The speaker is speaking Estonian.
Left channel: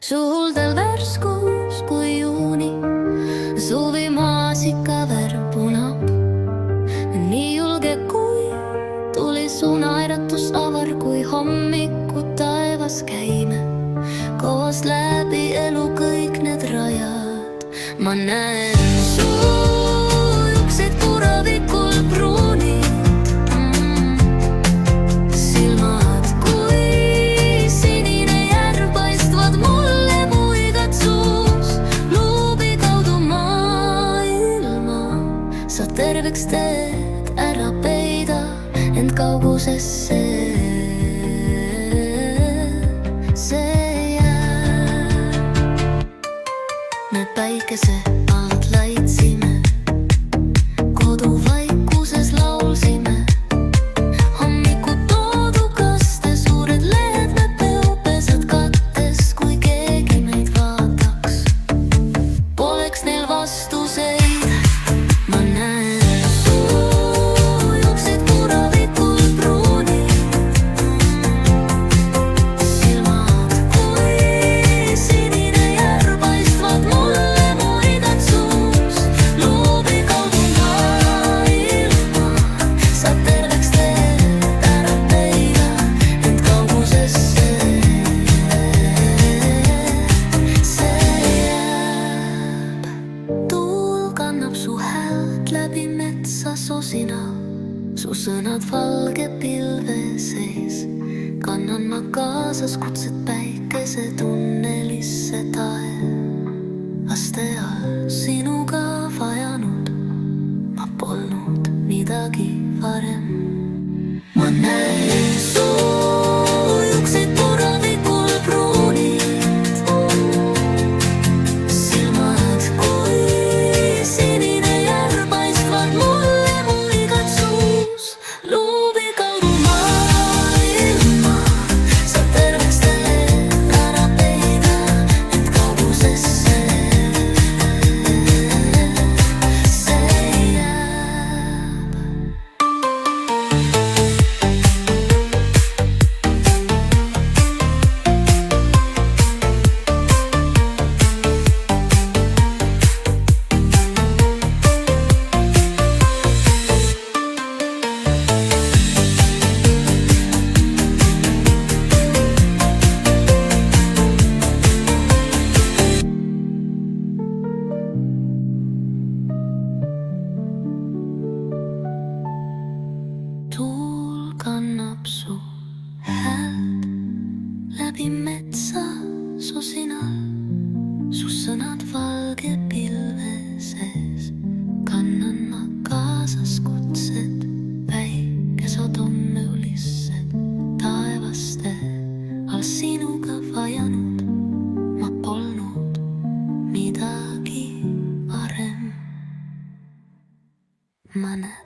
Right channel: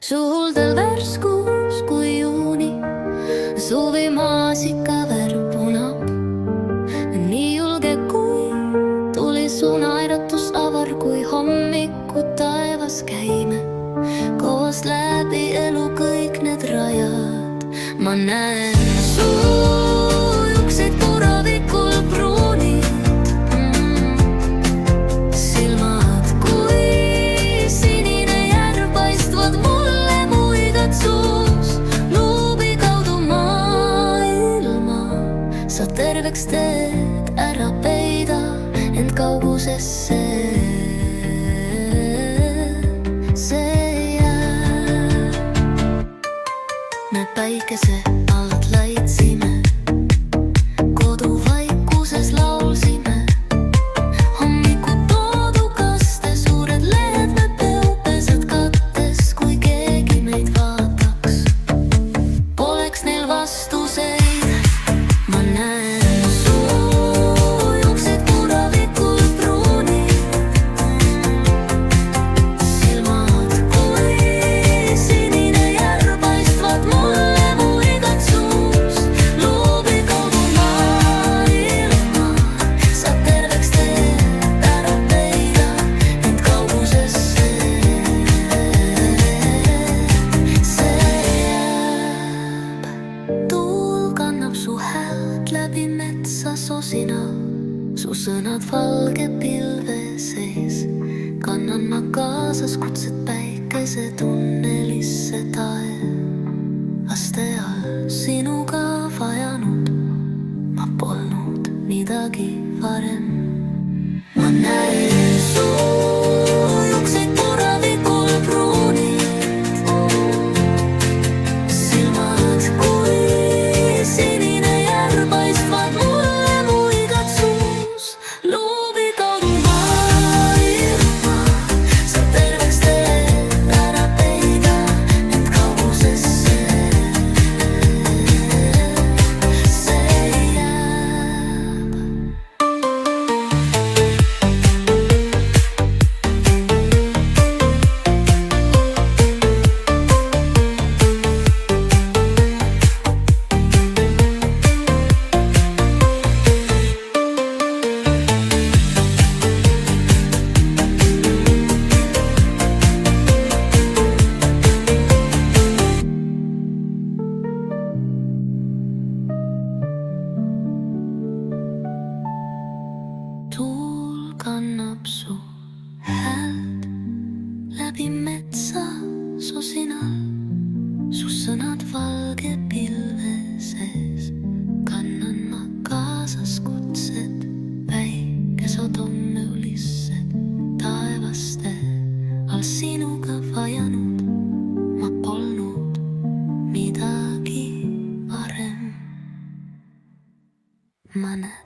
Su huuldel värskus kui juuni, suvimaasika värv punab. Nii julge kui tuli su naeratus avar, kui hommiku taevas käime koos läbi elu kõik need rajad. Ma näen su juukseid puravikul pruunid, silmad kui sinine järv paistvad mulle muigad suus. Luubi kaudu maailma sa terveks teed, ära peida end kaugusesse. See jääb. Me päikese alt laitsime, koduvaikuses laulsime. Hommiku toodukaste suured lehed me peupesad kattes, kui keegi meid vaataks. Poleks neil vastuseid. Ma näen su häält läbi metsa sosinal, su sõnad valge pilve sees. Kannan ma kaasas kutset päikese tunnelisse taevaste all. Sinuga vajanud ma polnud midagi varem. Ma näen su juukseid puravikul pruunid, silmad kui sinine järv paistvad mulle muigad suus. Luubi kaudu maailma sa terveks teed, ära peida end kaugusesse. See jääb. Tuul kannab su häält läbi metsa sosinal, su sõnad valge pilve sees. Kannan ma kaasas kutsed päikesed hommulissed taevaste all. Sinuga vajanud ma polnud midagi varem. Ma näen